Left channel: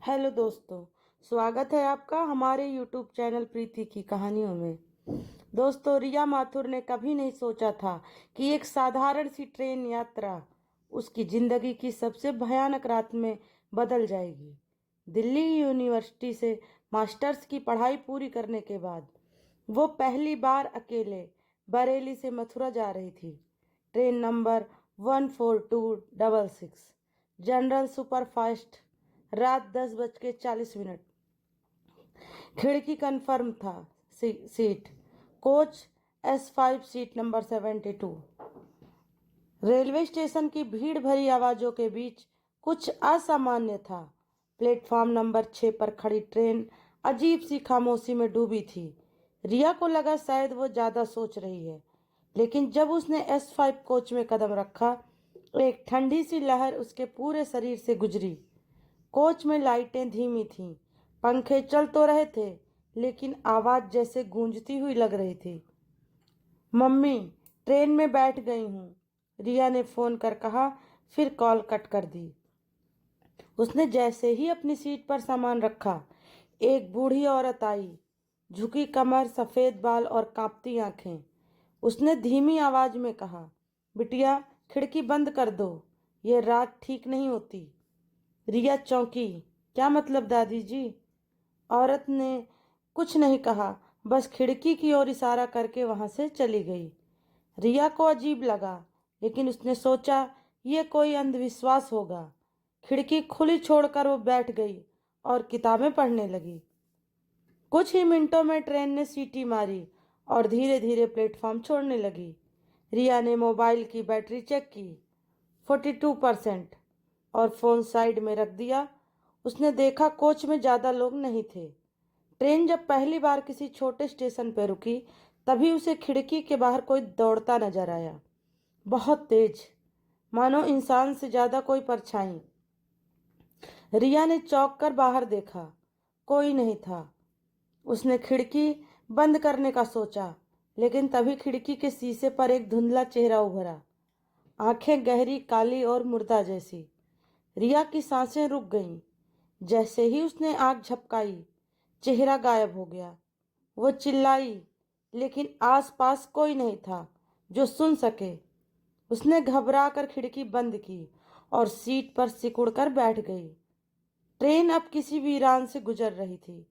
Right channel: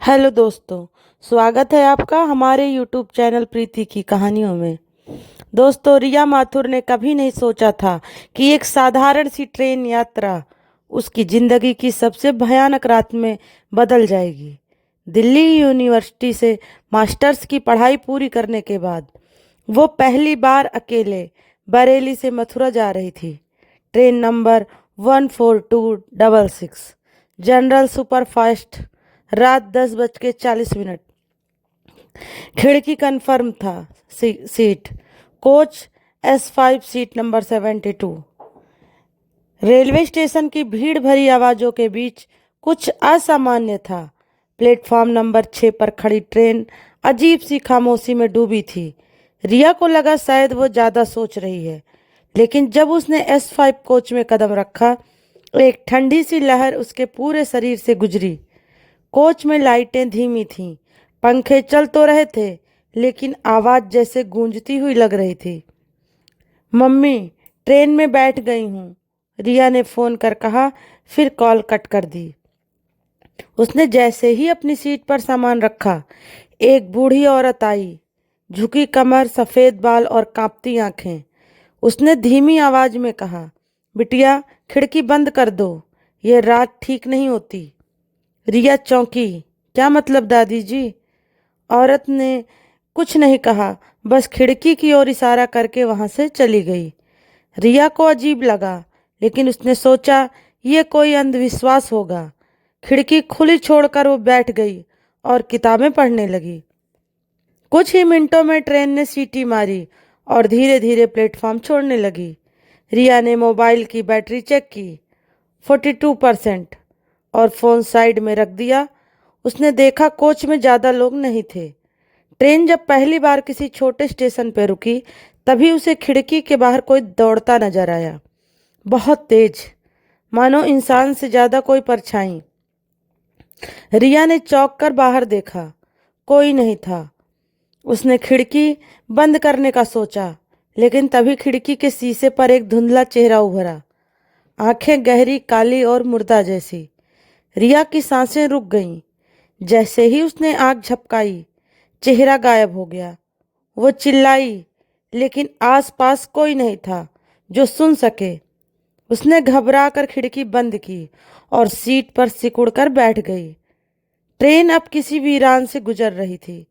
Hello दोस्तों। स्वागत है आपका हमारे यूट्यूब चैनल प्रीति की कहानियों में। दोस्तों, रिया माथुर ने कभी नहीं सोचा था कि एक साधारण सी ट्रेन यात्रा उसकी जिंदगी की सबसे भयानक रात में बदल जाएगी। दिल्ली यूनिवर्सिटी से मास्टर्स की पढ़ाई पूरी करने के बाद वो पहली बार अकेले बरेली से मथुरा जा रही थी। ट्रेन नंबर 14266 जनरल सुपरफास्ट, रात 10:40। खिड़की कन्फर्म था। Seat coach S5 seat number 72। Railway station की भीड़ भरी आवाज़ों के बीच कुछ असामान्य था। प्लेटफॉर्म नंबर 6 पर खड़ी ट्रेन अजीब सी खामोशी में डूबी थी। रिया को लगा शायद वो ज़्यादा सोच रही है, लेकिन जब उसने S5 कोच में कदम रखा, एक ठंडी सी लहर उसके पूरे शरीर से गुजरी। कोच में लाइटें धीमी थीं, पंखे चल तो रहे थे, लेकिन आवाज़ जैसे गूंजती हुई लग रही थी। मम्मी, ट्रेन में बैठ गई हूँ, रिया ने फ़ोन कर कहा, फिर कॉल कट कर दी। उसने जैसे ही अपनी सीट पर सामान रखा, एक बूढ़ी औरत आई। झुकी कमर, सफ़ेद बाल और कांपती आंखें। उसने धीमी आवाज़ में कहा, बिटिया, खिड़की बंद कर दो, ये रात ठीक नहीं होती। रिया चौंकी। क्या मतलब दादी जी? औरत ने कुछ नहीं कहा, बस खिड़की की ओर इशारा करके वहां से चली गई। रिया को अजीब लगा, लेकिन उसने सोचा ये कोई अंधविश्वास होगा। खिड़की खुली छोड़कर वो बैठ गई और किताबें पढ़ने लगी। कुछ ही मिनटों में ट्रेन ने सीटी मारी और धीरे धीरे प्लेटफॉर्म छोड़ने लगी। रिया ने मोबाइल की बैटरी चेक की, 42% और फ़ोन साइड में रख दिया। उसने देखा कोच में ज़्यादा लोग नहीं थे। ट्रेन जब पहली बार किसी छोटे स्टेशन पर रुकी, तभी उसे खिड़की के बाहर कोई दौड़ता नजर आया, बहुत तेज, मानो इंसान से ज़्यादा कोई परछाई। रिया ने चौंक कर बाहर देखा, कोई नहीं था। उसने खिड़की बंद करने का सोचा, लेकिन तभी खिड़की के शीशे पर एक धुंधला चेहरा उभरा, आंखें गहरी, काली और मुर्दा जैसी। रिया की सांसें रुक गईं। जैसे ही उसने आंख झपकाई, चेहरा गायब हो गया। वो चिल्लाई, लेकिन आसपास कोई नहीं था जो सुन सके। उसने घबरा कर खिड़की बंद की और सीट पर सिकुड़कर बैठ गई। ट्रेन अब किसी वीरान से गुजर रही थी।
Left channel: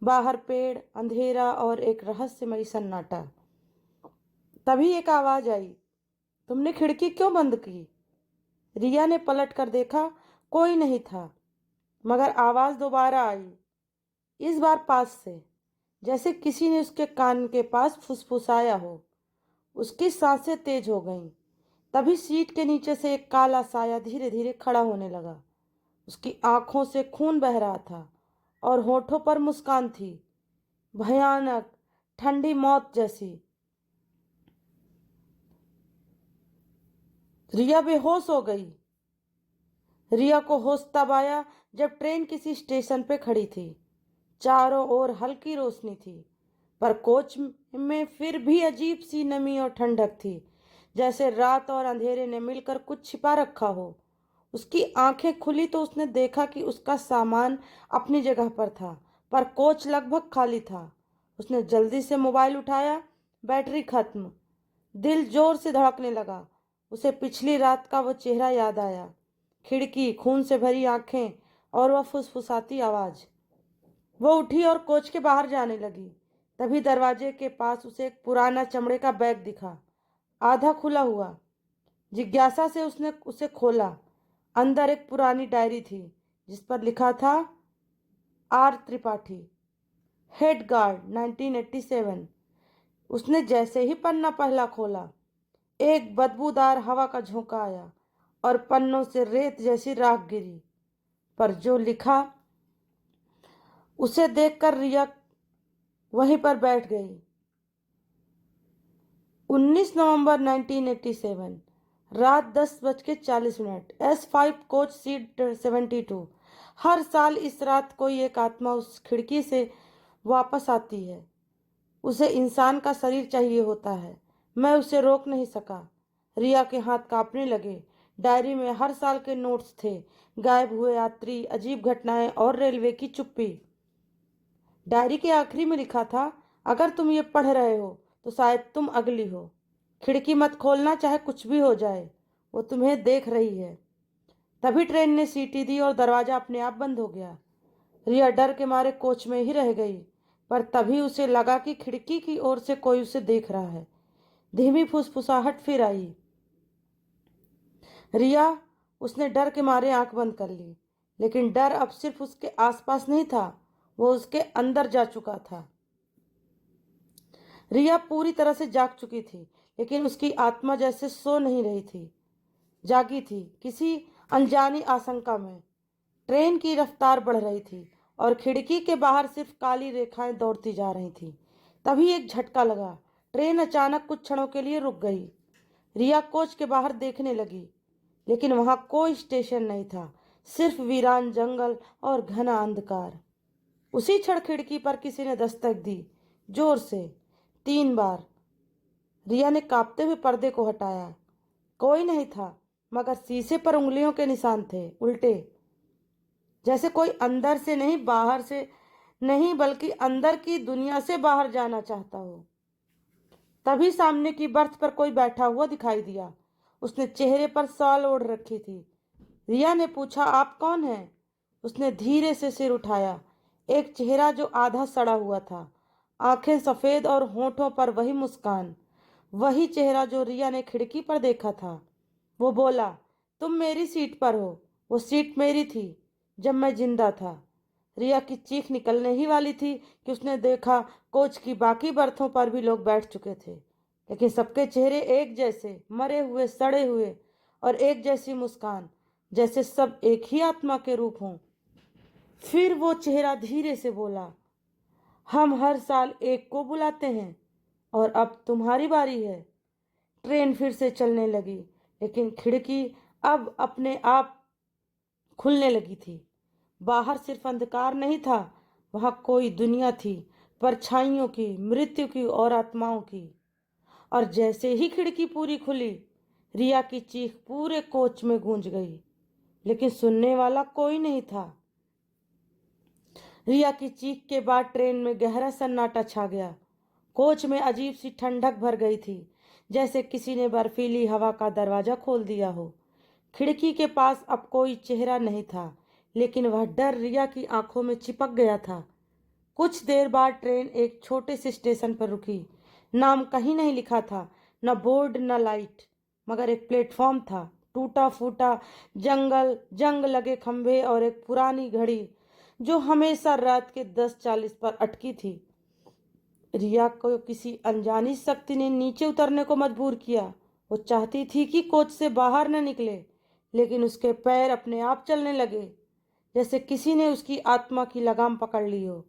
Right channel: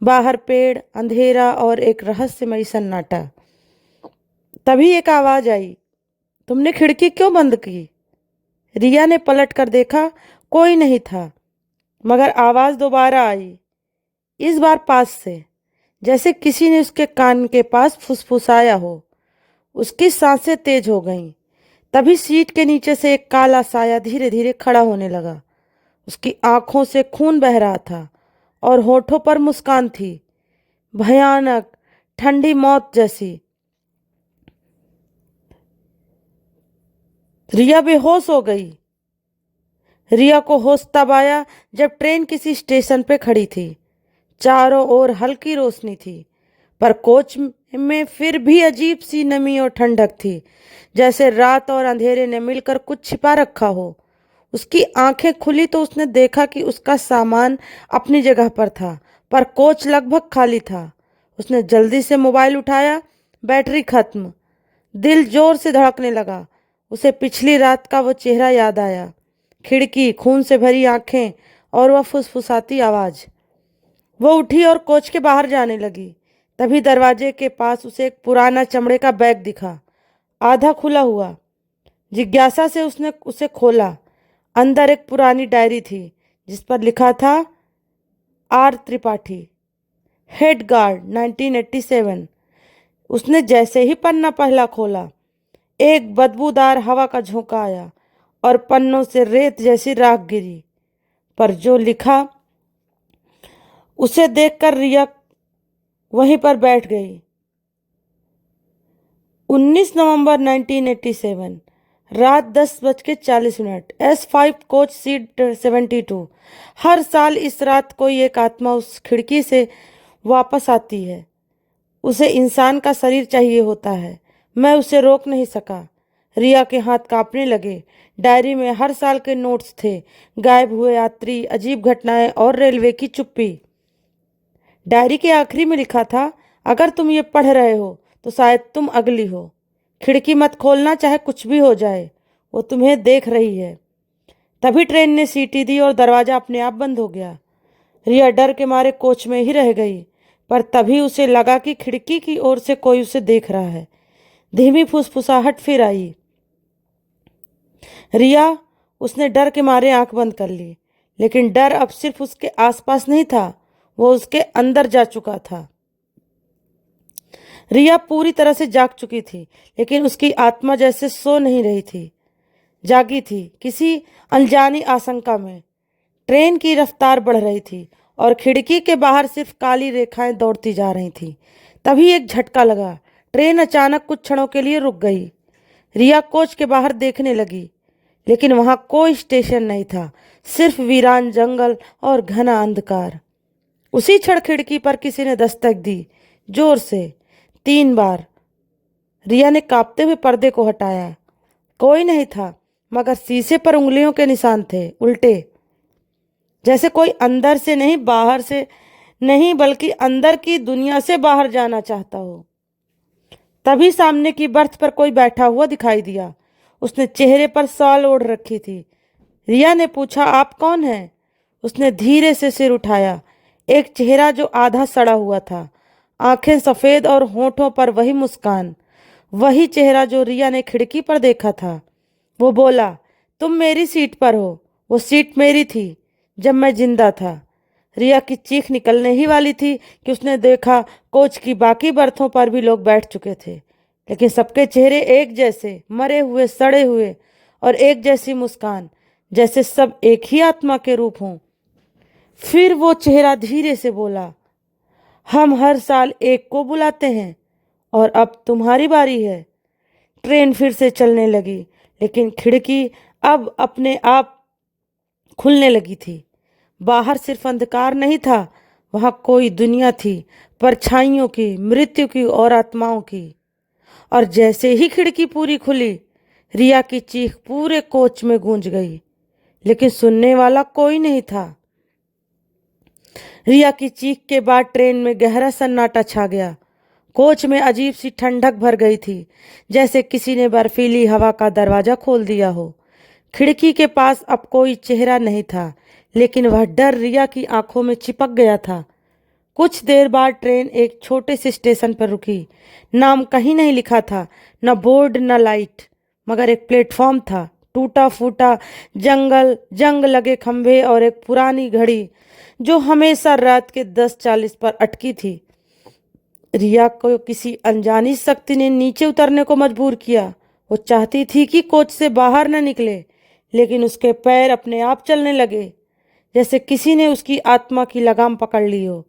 बाहर पेड़, अंधेरा और एक रहस्यमयी सन्नाटा। तभी एक आवाज आई, तुमने खिड़की क्यों बंद की? रिया ने पलट कर देखा, कोई नहीं था, मगर आवाज दोबारा आई, इस बार पास से, जैसे किसी ने उसके कान के पास फुसफुसाया हो। उसकी सांसें तेज हो गईं। तभी सीट के नीचे से एक काला साया धीरे धीरे खड़ा होने लगा। उसकी आंखों से खून बह रहा था और होठों पर मुस्कान थी, भयानक, ठंडी मौत जैसी। रिया बेहोश हो गई। रिया को होश तब आया जब ट्रेन किसी स्टेशन पे खड़ी थी। चारों ओर हल्की रोशनी थी, पर कोच में फिर भी अजीब सी नमी और ठंडक थी, जैसे रात और अंधेरे ने मिलकर कुछ छिपा रखा हो। उसकी आंखें खुली तो उसने देखा कि उसका सामान अपनी जगह पर था, पर कोच लगभग खाली था। उसने जल्दी से मोबाइल उठाया, बैटरी खत्म। दिल जोर से धड़कने लगा। उसे पिछली रात का वो चेहरा याद आया, खिड़की, खून से भरी आंखें और वह फुसफुसाती आवाज़। वो उठी और कोच के बाहर जाने लगी। तभी दरवाजे के पास उसे एक पुराना चमड़े का बैग दिखा, आधा खुला हुआ। जिज्ञासा से उसने उसे खोला। अंदर एक पुरानी डायरी थी, जिस पर लिखा था, R त्रिपाठी, हेड गार्ड 1987। उसने जैसे ही पन्ना पहला खोला, एक बदबूदार हवा का झोंका आया और पन्नों से रेत जैसी राख गिरी। पर जो लिखा, उसे देखकर रिया वहीं पर बैठ गई। 19 नवंबर 1987, रात 10:40, S5 कोच सीट 72। हर साल इस रात कोई एक आत्मा उस खिड़की से वापस आती है। उसे इंसान का शरीर चाहिए होता है। मैं उसे रोक नहीं सका। रिया के हाथ कांपने लगे। डायरी में हर साल के नोट्स थे, गायब हुए यात्री, अजीब घटनाएं और रेलवे की चुप्पी। डायरी के आखिरी में लिखा था, अगर तुम ये पढ़ रहे हो तो शायद तुम अगली हो। खिड़की मत खोलना, चाहे कुछ भी हो जाए, वो तुम्हें देख रही है। तभी ट्रेन ने सीटी दी और दरवाजा अपने आप बंद हो गया। रिया डर के मारे कोच में ही रह गई, पर तभी उसे लगा कि खिड़की की ओर से कोई उसे देख रहा है। धीमी फुसफुसाहट फिर आई। रिया, उसने डर के मारे आंख बंद कर ली, लेकिन डर अब सिर्फ उसके आसपास नहीं था, वो उसके अंदर जा चुका था। रिया पूरी तरह से जाग चुकी थी, लेकिन उसकी आत्मा जैसे सो नहीं रही थी, जागी थी किसी अनजानी आशंका में। ट्रेन की रफ्तार बढ़ रही थी और खिड़की के बाहर सिर्फ काली रेखाएं दौड़ती जा रही थीं। तभी एक झटका लगा। ट्रेन अचानक कुछ क्षणों के लिए रुक गई। रिया कोच के बाहर देखने लगी, लेकिन वहां कोई स्टेशन नहीं था, सिर्फ वीरान जंगल और घना अंधकार। उसी क्षण खिड़की पर किसी ने दस्तक दी, जोर से, 3 बार। रिया ने कांपते हुए पर्दे को हटाया। कोई नहीं था, मगर शीशे पर उंगलियों के निशान थे, उल्टे, जैसे कोई अंदर से नहीं, बाहर से नहीं, बल्कि अंदर की दुनिया से बाहर जाना चाहता हो। तभी सामने की बर्थ पर कोई बैठा हुआ दिखाई दिया। उसने चेहरे पर शॉल ओढ़ रखी थी। रिया ने पूछा, आप कौन हैं? उसने धीरे से सिर उठाया। एक चेहरा जो आधा सड़ा हुआ था, आंखें सफेद और होठों पर वही मुस्कान, वही चेहरा जो रिया ने खिड़की पर देखा था। वो बोला, तुम मेरी सीट पर हो। वो सीट मेरी थी जब मैं जिंदा था। रिया की चीख निकलने ही वाली थी कि उसने देखा कोच की बाकी बर्थों पर भी लोग बैठ चुके थे, लेकिन सबके चेहरे एक जैसे, मरे हुए, सड़े हुए, और एक जैसी मुस्कान, जैसे सब एक ही आत्मा के रूप हों। फिर वो चेहरा धीरे से बोला, हम हर साल एक को बुलाते हैं और अब तुम्हारी बारी है। ट्रेन फिर से चलने लगी, लेकिन खिड़की अब अपने आप खुलने लगी थी। बाहर सिर्फ अंधकार नहीं था, वहां कोई दुनिया थी, परछाइयों की, मृत्यु की और आत्माओं की। और जैसे ही खिड़की पूरी खुली, रिया की चीख पूरे कोच में गूंज गई, लेकिन सुनने वाला कोई नहीं था। रिया की चीख के बाद ट्रेन में गहरा सन्नाटा छा गया। कोच में अजीब सी ठंडक भर गई थी, जैसे किसी ने बर्फीली हवा का दरवाजा खोल दिया हो। खिड़की के पास अब कोई चेहरा नहीं था, लेकिन वह डर रिया की आंखों में चिपक गया था। कुछ देर बाद ट्रेन एक छोटे से स्टेशन पर रुकी। नाम कहीं नहीं लिखा था, न बोर्ड न लाइट, मगर एक प्लेटफॉर्म था, टूटा फूटा, जंग लगे खंभे और एक पुरानी घड़ी जो हमेशा रात के 10:40 पर अटकी थी। रिया को किसी अनजानी शक्ति ने नीचे उतरने को मजबूर किया। वो चाहती थी कि कोच से बाहर न निकले, लेकिन उसके पैर अपने आप चलने लगे, जैसे किसी ने उसकी आत्मा की लगाम पकड़ ली हो।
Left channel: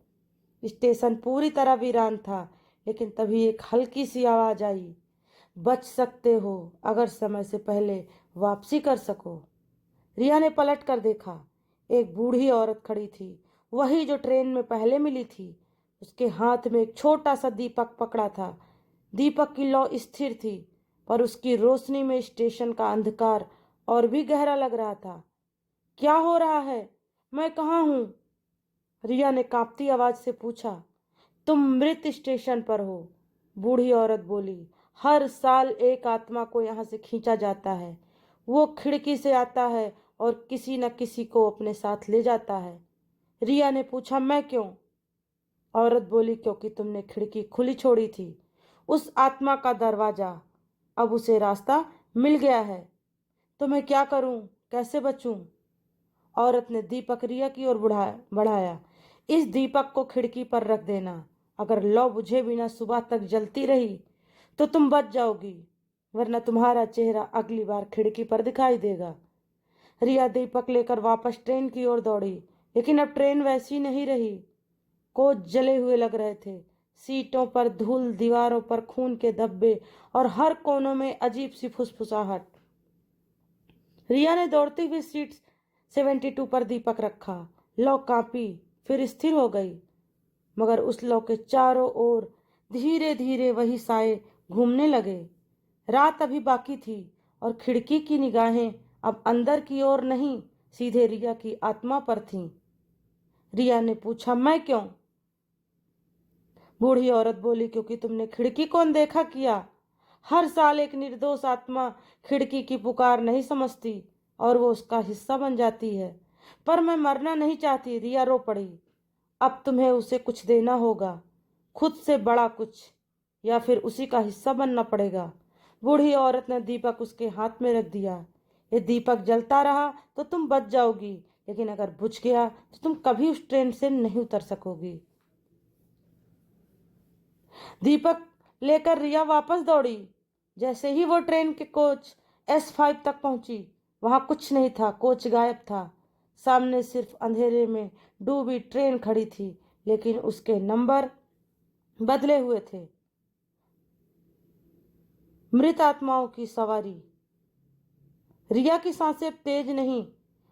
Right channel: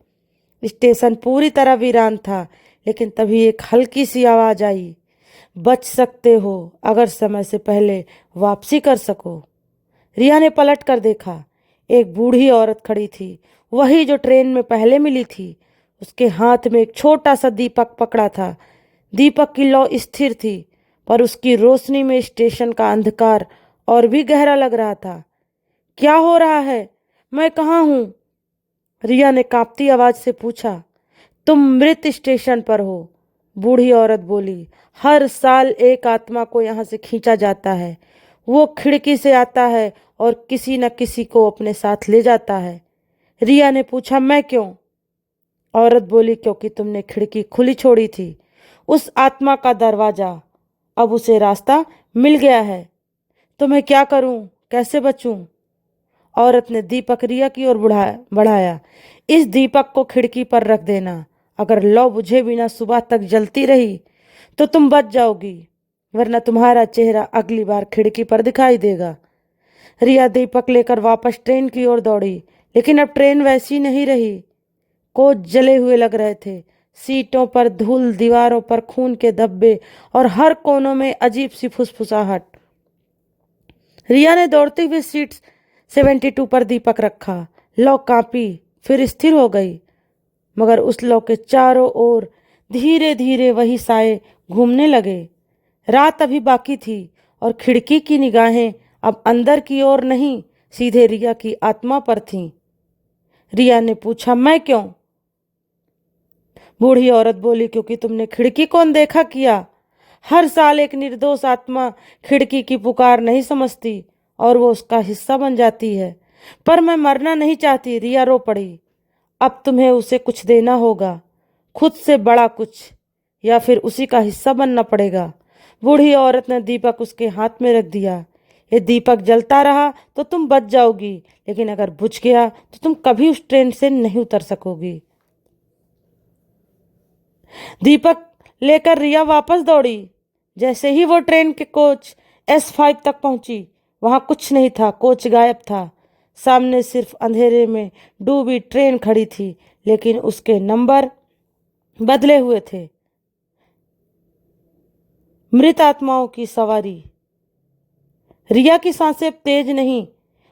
स्टेशन पूरी तरह वीरान था, लेकिन तभी एक हल्की सी आवाज आई, बच सकते हो अगर समय से पहले वापसी कर सको। रिया ने पलट कर देखा। एक बूढ़ी औरत खड़ी थी, वही जो ट्रेन में पहले मिली थी। उसके हाथ में एक छोटा सा दीपक पकड़ा था। दीपक की लौ स्थिर थी, पर उसकी रोशनी में स्टेशन का अंधकार और भी गहरा लग रहा था। क्या हो रहा है? मैं कहाँ हूँ? रिया ने कांपती आवाज से पूछा। तुम मृत स्टेशन पर हो, बूढ़ी औरत बोली। हर साल एक आत्मा को यहाँ से खींचा जाता है। वो खिड़की से आता है और किसी न किसी को अपने साथ ले जाता है। रिया ने पूछा, मैं क्यों? औरत बोली, क्योंकि तुमने खिड़की खुली छोड़ी थी। उस आत्मा का दरवाजा, अब उसे रास्ता मिल गया है। तो मैं क्या करूं? कैसे बचूं? औरत ने दीपक रिया की ओर बढ़ाया। इस दीपक को खिड़की पर रख देना। अगर लौ बुझे बिना सुबह तक जलती रही तो तुम बच जाओगी, वरना तुम्हारा चेहरा अगली बार खिड़की पर दिखाई देगा। रिया दीपक लेकर वापस ट्रेन की ओर दौड़ी, लेकिन अब ट्रेन वैसी नहीं रही। कोच जले हुए लग रहे थे। सीटों पर धूल, दीवारों पर खून के धब्बे और हर कोनों में अजीब सी फुसफुसाहट। रिया ने दौड़ते हुए सीट 72 पर दीपक रखा। लौ कांपी, फिर स्थिर हो गई, मगर उस लौ के चारों ओर धीरे धीरे वही साए घूमने लगे। रात अभी बाकी थी और खिड़की की निगाहें अब अंदर की ओर नहीं, सीधे रिया की आत्मा पर थीं। रिया ने पूछा, मैं क्यों? बूढ़ी औरत बोली, क्योंकि तुमने खिड़की को अनदेखा किया। हर साल एक निर्दोष आत्मा खिड़की की पुकार नहीं समझती और वो उसका हिस्सा बन जाती है। पर मैं मरना नहीं चाहती। रिया रो पड़ी। अब तुम्हें उसे कुछ देना होगा, खुद से बड़ा कुछ, या फिर उसी का हिस्सा बनना पड़ेगा। बूढ़ी औरत ने दीपक उसके हाथ में रख दिया। ये दीपक जलता रहा तो तुम बच जाओगी, लेकिन अगर बुझ गया तो तुम कभी उस ट्रेन से नहीं उतर सकोगी। दीपक लेकर रिया वापस दौड़ी। जैसे ही वो ट्रेन के कोच S5 तक पहुंची, वहां कुछ नहीं था। कोच गायब था। सामने सिर्फ अंधेरे में डूबी ट्रेन खड़ी थी, लेकिन उसके नंबर बदले हुए थे। मृत आत्माओं की सवारी। रिया की सांसें तेज नहीं,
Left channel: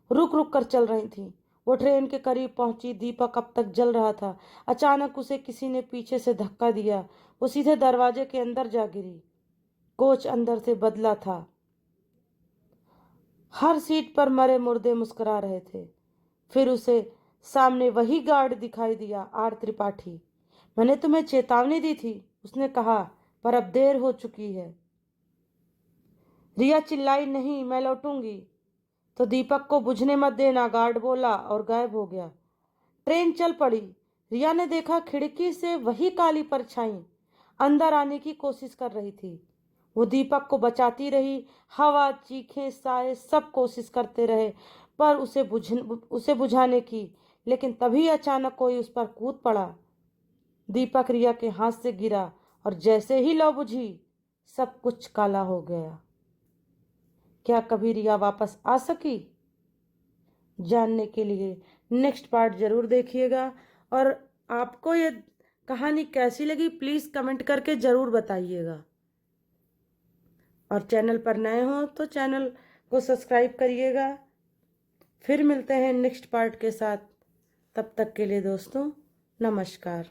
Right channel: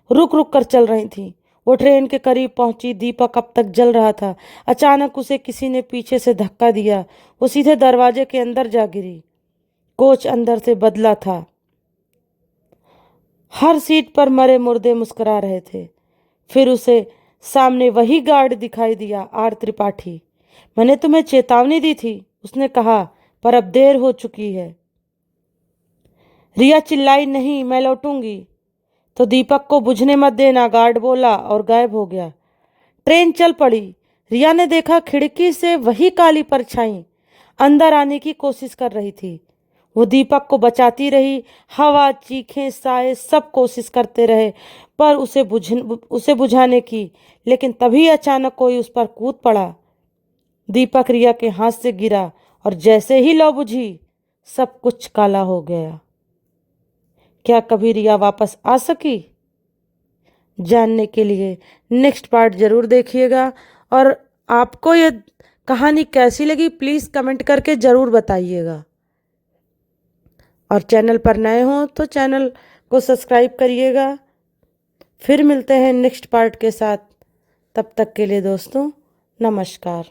रुक रुक कर चल रही थीं। वो ट्रेन के करीब पहुंची। दीपक अब तक जल रहा था। अचानक उसे किसी ने पीछे से धक्का दिया। वो सीधे दरवाजे के अंदर जा गिरी। कोच अंदर से बदला था। हर सीट पर मरे मुर्दे मुस्कुरा रहे थे। फिर उसे सामने वही गार्ड दिखाई दिया, आर त्रिपाठी। मैंने तुम्हें चेतावनी दी थी, उसने कहा, पर अब देर हो चुकी है। रिया चिल्लाई, नहीं, मैं लौटूंगी। तो दीपक को बुझने मत देना, गार्ड बोला और गायब हो गया। ट्रेन चल पड़ी। रिया ने देखा खिड़की से वही काली परछाई अंदर आने की कोशिश कर रही थी। वो दीपक को बचाती रही। हवा, चीखें, साए सब कोशिश करते रहे पर उसे बुझाने की, लेकिन तभी अचानक कोई उस पर कूद पड़ा। दीपक रिया के हाथ से गिरा और जैसे ही लौ बुझी, सब कुछ काला हो गया। क्या कभी रिया वापस आ सकी? जानने के लिए नेक्स्ट पार्ट जरूर देखिएगा। और आपको ये कहानी कैसी लगी प्लीज़ कमेंट करके ज़रूर बताइएगा। और चैनल पर नए हों तो चैनल को सब्सक्राइब करिएगा। फिर मिलते हैं नेक्स्ट पार्ट के साथ। तब तक के लिए दोस्तों, नमस्कार।